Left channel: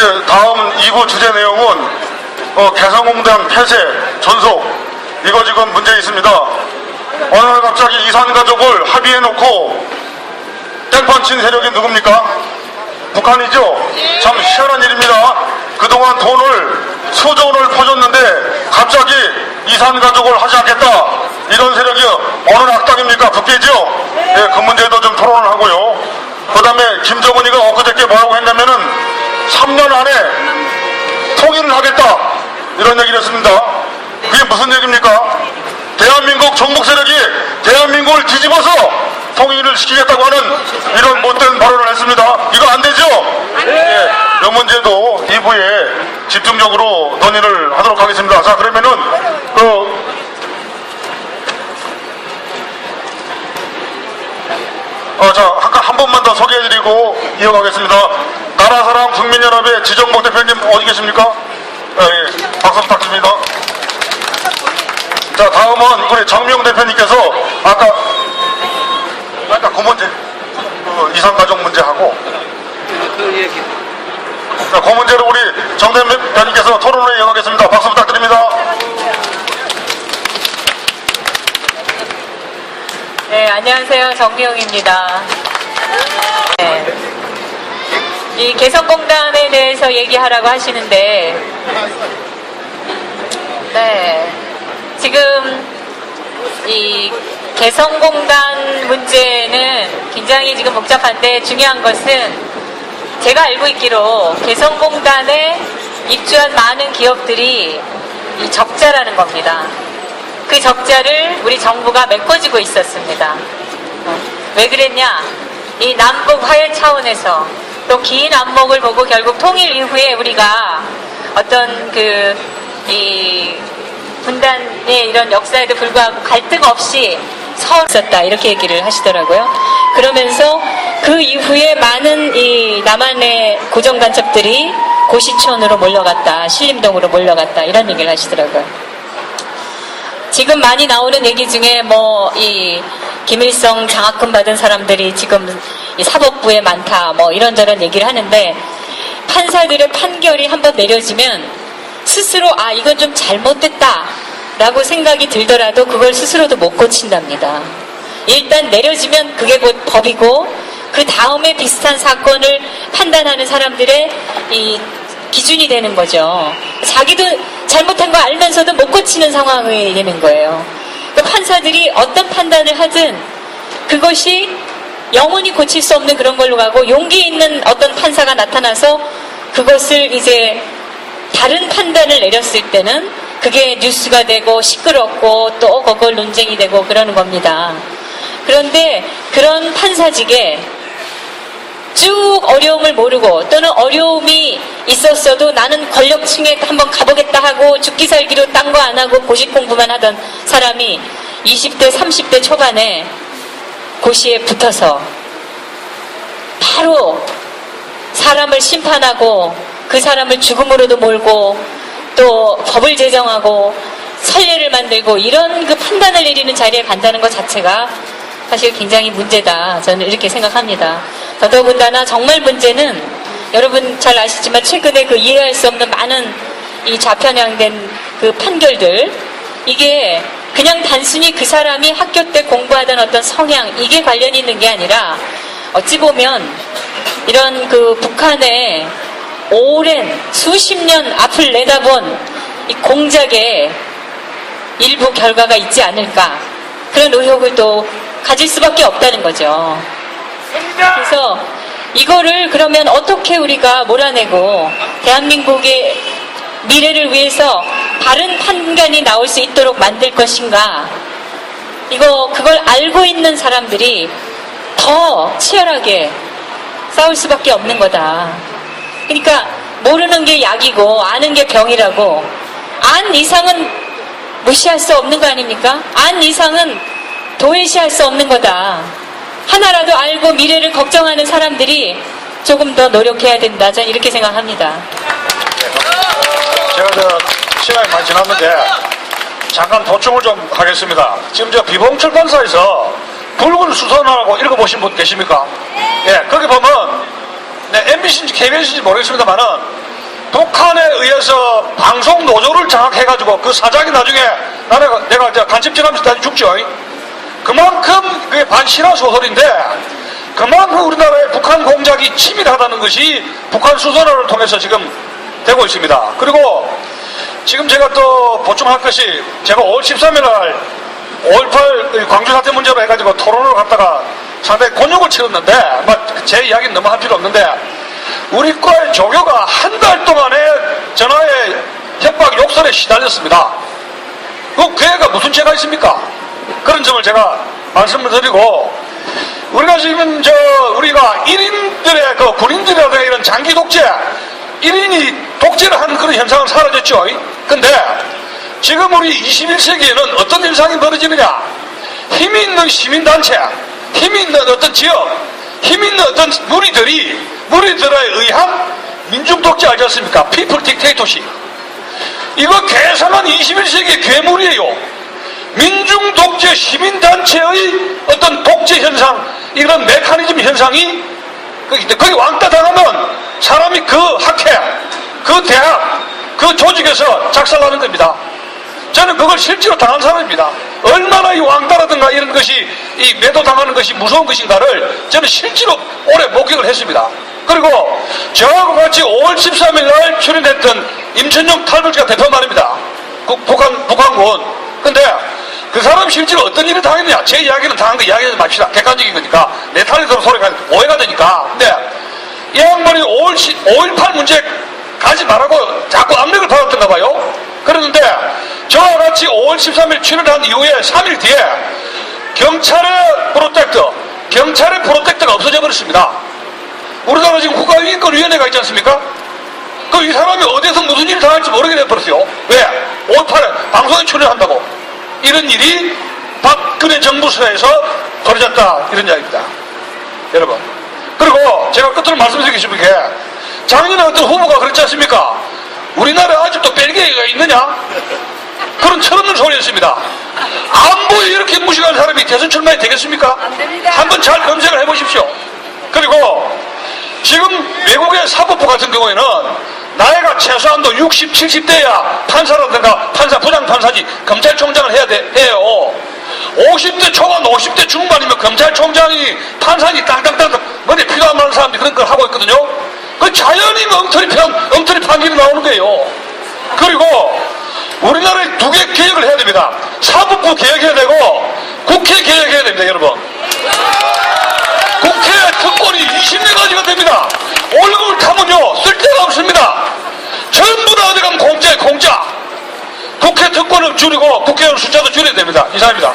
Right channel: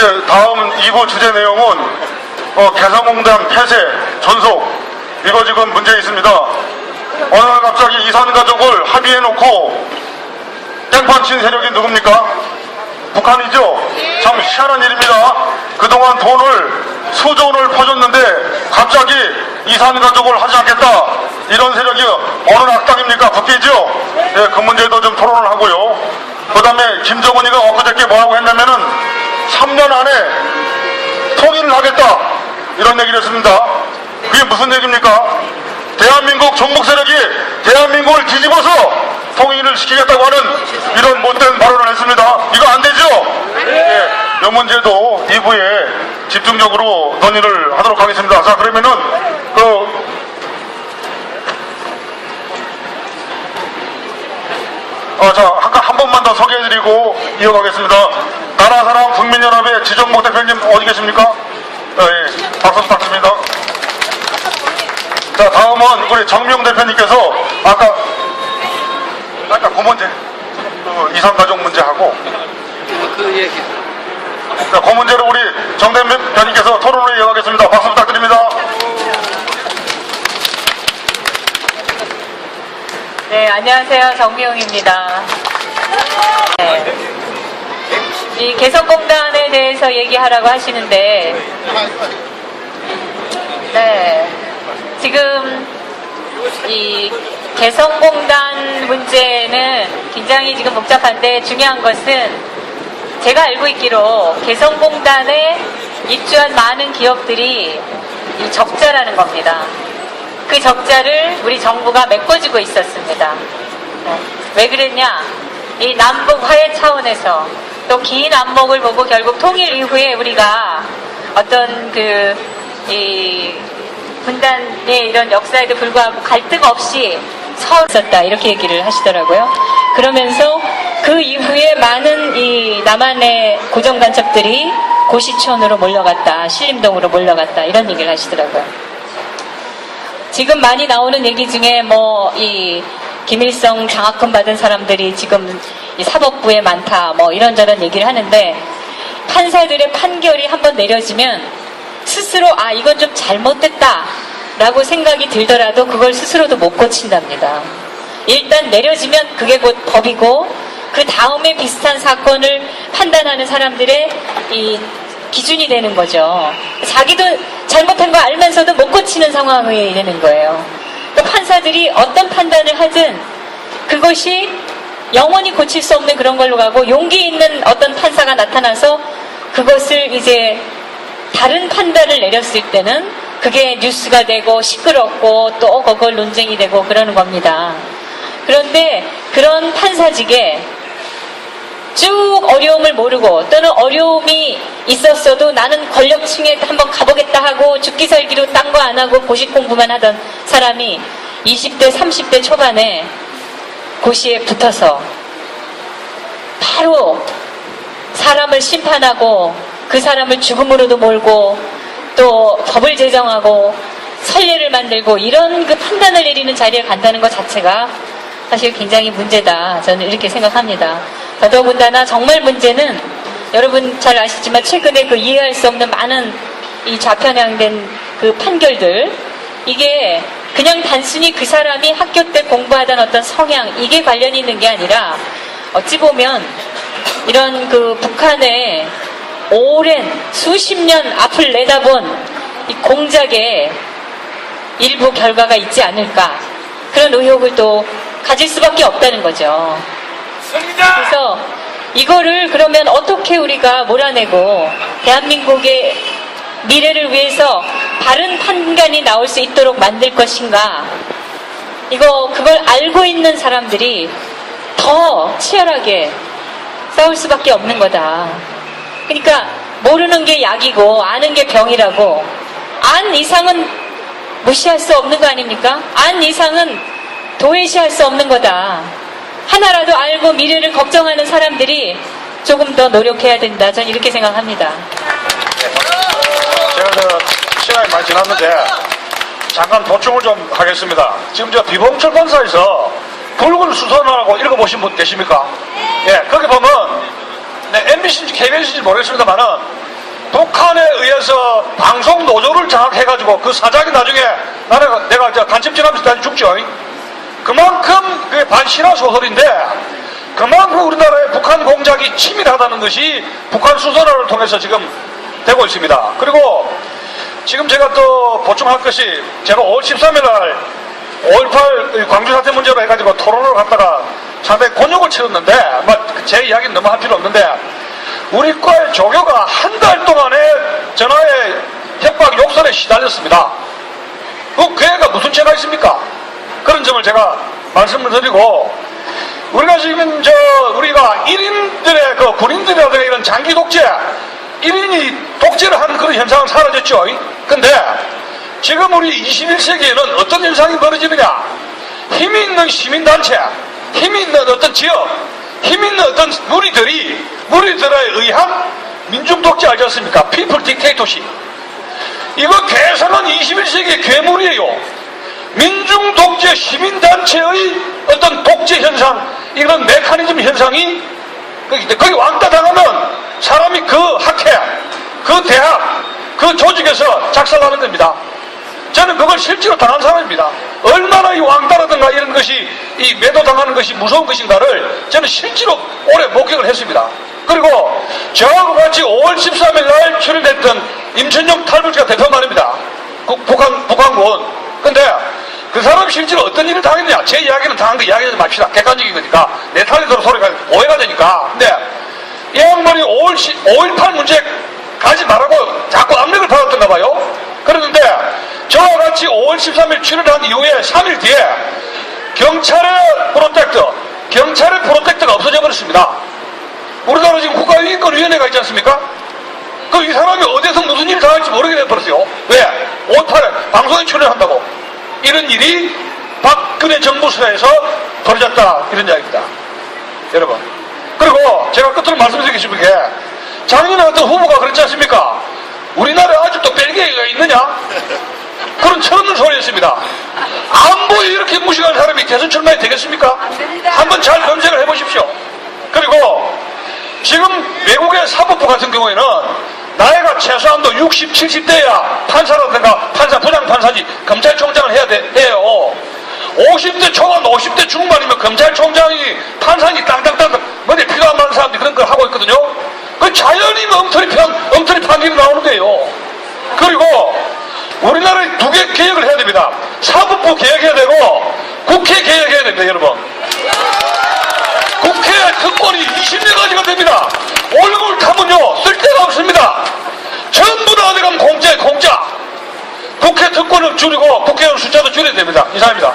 예, 다음 2부 주제 내용은 개성공단 폐쇄, 전속, 이거 지금 문제 있습니다. 어느 날 갑자기 이산가족을 합의해놓고 땡판 친 세력이 누굽니까? 북한이죠? 참 희한한 일입니다. 그동안 돈을 수조 원을 퍼줬는데 갑자기 이산가족을 하지 않겠다, 이런 세력이 어느 악당입니까? 북계죠? 예, 그 문제도 좀 토론을 하고요. 그 다음에 김정은이가 엊그저께 뭐라고 했냐면은 3년 안에 통일을 하겠다, 이런 얘기를 했습니다. 그게 무슨 얘기입니까? 대한민국 종북 세력이 대한민국을 뒤집어서 통일을 시키겠다고 하는 이런 못된 발언을 했습니다. 이거 안 되죠? 예, 이 문제도 2부에 집중적으로 논의를 하도록 하겠습니다. 자, 그러면은 자, 한 번만 더 소개해드리고 이어가겠습니다. 나라사랑 국민연합의 지정목 대표님 어디 계십니까? 예, 박수 부탁드립니다. 자, 다음은 우리 정명 대표님께서 아까 그 문제, 이산가족 문제하고 그 얘기. 자, 그 문제로 우리 정 대표님께서 토론을 이어가겠습니다. 박수 부탁드립니다. 네, 안녕하세요. 정미영입니다. 네. 이 개성공단에 대해서 얘기하라고 하시는데, 네, 지금 이 개성공단 문제는 굉장히 지금 복잡한데, 중요한 것은 제가 알고 있기로 개성공단에 입주한 많은 기업들이 이 적자라는 겁니다. 그 적자를 우리 정부가 메꿔주고 있었습니다. 왜 그랬냐? 이 남북 화해 차원에서 또 긴 안목을 보고 결국 통일 이후에 우리가 어떤 이 분단의 이런 역사에도 불구하고 갈등 없이 서 있었다, 이렇게 얘기를 하시더라고요. 그러면서 그 이후에 많은 이 남한의 고정간첩들이 고시촌으로 몰려갔다, 신림동으로 몰려갔다, 이런 얘기를 하시더라고요. 지금 많이 나오는 얘기 중에 이 김일성 장학금 받은 사람들이 지금 이 사법부에 많다, 이런저런 얘기를 하는데, 판사들의 판결이 한번 내려지면 스스로 이건 좀 잘못됐다 라고 생각이 들더라도 그걸 스스로도 못 고친답니다. 일단 내려지면 그게 곧 법이고, 그 다음에 비슷한 사건을 판단하는 사람들의 이 기준이 되는 거죠. 자기도 잘못한 거 알면서도 못 고치는 상황이 되는 거예요. 그러니까 판사들이 어떤 판단을 하든 그것이 영원히 고칠 수 없는 그런 걸로 가고, 용기 있는 어떤 판사가 나타나서 그것을 이제 다른 판단을 내렸을 때는 그게 뉴스가 되고 시끄럽고 또 그걸 논쟁이 되고 그러는 겁니다. 그런데 그런 판사직에 쭉 어려움을 모르고, 또는 어려움이 있었어도 나는 권력층에 한번 가보겠다 하고 죽기 살기로 딴 거 안 하고 고시 공부만 하던 사람이 20대 30대 초반에 고시에 붙어서 바로 사람을 심판하고 그 사람을 죽음으로도 몰고 또 법을 제정하고 선례를 만들고 이런 그 판단을 내리는 자리에 간다는 것 자체가 사실 굉장히 문제다, 저는 이렇게 생각합니다. 더더군다나 정말 문제는 여러분 잘 아시지만 최근에 그 이해할 수 없는 많은 이 좌편향된 그 판결들, 이게 그냥 단순히 그 사람이 학교 때 공부하던 어떤 성향, 이게 관련이 있는 게 아니라 어찌 보면 이런 그 북한의 오랜 수십 년 앞을 내다본 이 공작의 일부 결과가 있지 않을까, 그런 의혹을 또 가질 수밖에 없다는 거죠. 그래서 이거를 그러면 어떻게 우리가 몰아내고 대한민국의 미래를 위해서 바른 판단이 나올 수 있도록 만들 것인가, 그걸 알고 있는 사람들이 더 치열하게 싸울 수밖에 없는 거다. 그러니까 모르는 게 약이고 아는 게 병이라고, 안 이상은 무시할 수 없는 거 아닙니까? 안 이상은 도외시할 수 없는 거다. 하나라도 알고 미래를 걱정하는 사람들이 조금 더 노력해야 된다, 저는 이렇게 생각합니다. 제가 시간이 많이 지났는데 잠깐 보충을 좀 하겠습니다. 지금 비봉철 본사에서 굵은 수선하고 읽어보신 분 계십니까? 예, 거기 보면 MBC인지 KBS인지 모르겠습니다만은 북한에 의해서 방송 노조를 장악해가지고 그 사장이 나중에 내가 이제 간첩질하면서 다시 죽죠. 그만큼 그게 반신화 소설인데 그만큼 우리나라의 북한 공작이 치밀하다는 것이 북한 수사를 통해서 지금 되고 있습니다. 그리고 지금 제가 또 보충할 것이 제가 5월 13일 날 5.18 광주 사태 문제로 해가지고 토론을 갔다가 상당히 곤욕을 치렀는데 제 이야기는 너무 할 필요 없는데 우리 과의 조교가 한 달 동안에 전화에 협박 욕설에 시달렸습니다. 그 애가 무슨 죄가 있습니까? 그런 점을 제가 말씀을 드리고 우리가 지금 우리가 1인들의 그 군인들이라든가 이런 장기 독재 1인이 독재를 하는 그런 현상은 사라졌죠. 근데 지금 우리 21세기에는 어떤 현상이 벌어지느냐? 힘이 있는 시민단체, 힘이 있는 어떤 지역, 힘이 있는 어떤 무리들에 의한 민중독재 알지 않습니까? 피플 딕테이터십. 이거 개성한 21세기의 괴물이에요. 민중독재 시민단체의 어떤 독재 현상, 이런 메커니즘 현상이 거기 왕따 당하면 사람이 그 학회, 그 대학, 그 조직에서 작살나는 겁니다. 저는 그걸 실제로 당한 사람입니다. 얼마나 이 왕따라든가 이런 것이 이 매도당하는 것이 무서운 것인가를 저는 실제로 오래 목격을 했습니다. 그리고 저하고 같이 5월 13일 날 출연했던 임천용 탈북자 대표 말입니다. 북한군. 근데 그 사람 실제로 어떤 일을 당했느냐? 제 이야기는 당한 거 이야기하지 맙시다. 객관적인 거니까. 내 탈에서 소리가 오해가 되니까. 근데 이 양반이 5.18 문제 가지 말라고 자꾸 압력을 받았던가 봐요. 그러는데 저와 같이 5월 13일 출연한 이후에 3일 뒤에 경찰의 프로텍터가 없어져 버렸습니다. 우리나라 지금 국가인권위원회가 있지 않습니까? 그럼 이 사람이 어디서 무슨 일을 당할지 모르게 돼버렸어요. 왜? 5.18에 방송에 출연한다고. 이런 일이 박근혜 정부에서 벌어졌다. 이런 이야기입니다. 여러분. 그리고 제가 끝으로 말씀드리고 싶은 게 작년에 어떤 후보가 그렇지 않습니까? 우리나라에 아직도 벨기에가 있느냐? 그런 철없는 소리였습니다. 안보에 이렇게 무식한 사람이 대선 출마해 되겠습니까? 한번 잘 검색을 해보십시오. 그리고 지금 외국의 사법부 같은 경우에는 나이가 최소한도 60, 70대야 판사라든가 부장판사지 검찰총장을 해요. 50대 초반, 50대 중반이면 검찰총장이 판사니 땅땅땅 뭐냐 필요한 많은 사람들이 그런 걸 하고 있거든요. 그 자연히 엉터리 판결이 나오는 거예요. 그리고 우리나라에 두 개 개혁을 해야 됩니다. 사법부 개혁해야 되고 국회 개혁해야 됩니다, 여러분. 국회 특권이 20년까지가 됩니다. 얼굴 타면요 쓸 데가 없습니다. 전부 다 어디 가면 공짜. 국회 특권을 줄이고 국회의원 숫자도 줄여야 됩니다. 이상입니다.